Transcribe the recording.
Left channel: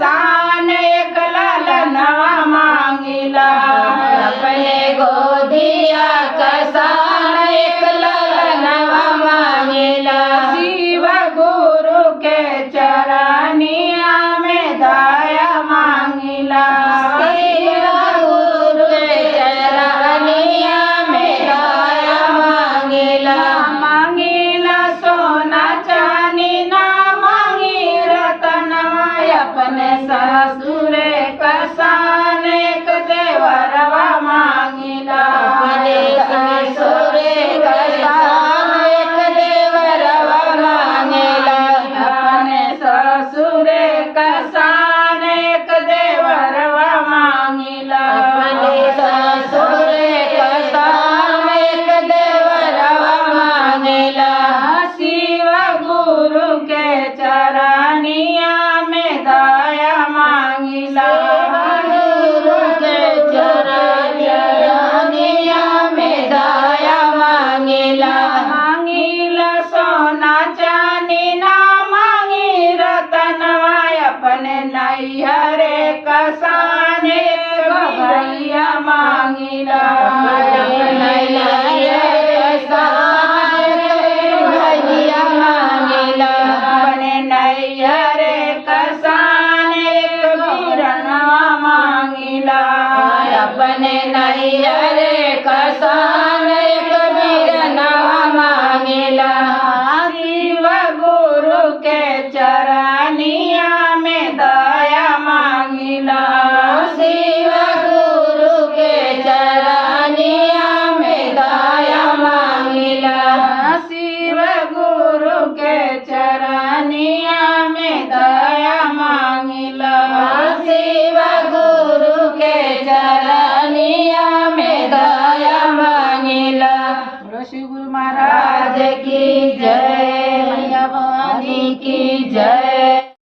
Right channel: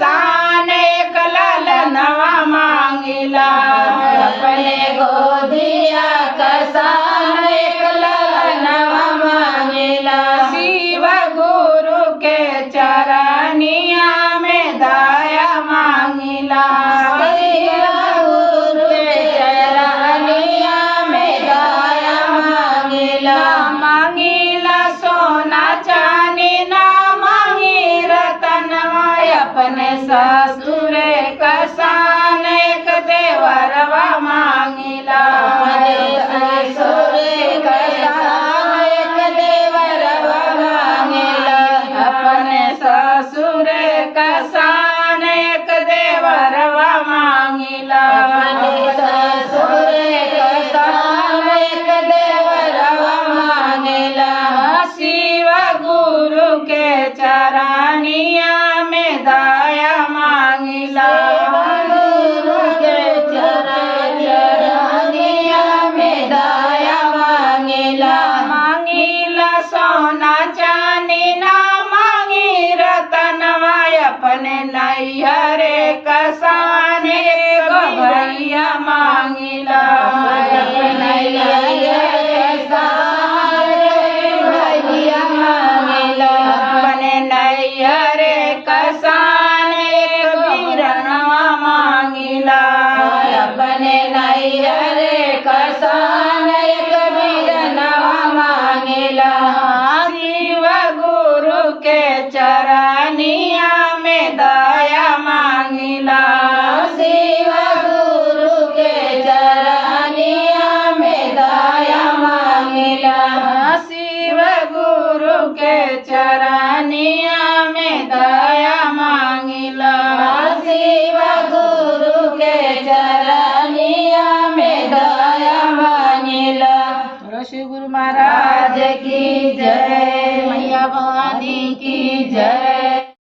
कसान एक ललनवा मांगिला। अपने गोदिया कसान एक ललनवा मांगिला। शिव गुरु के चरनिया में दया मांगिला। शिव गुरु के चरनिया में दया मांगिला। मांगिला सोना चांदी ना मांगी रतनवा। अपने ससुर कसान एक देवरवा मांगिला। अपने ससुर कसान एक देवरवा मांगिला। अपने ससुर कसान एक देवरवा मांगिला। अपने ससुर कसान एक देवरवा मांगिला। शिव गुरु के चरनिया में दया मांगिला। गुरु के चरनिया में दया मांगिला। मांगिला सोना चांदी ना मांगी रतनवा। अपने नैहरे कसान एक भैया मांगिला।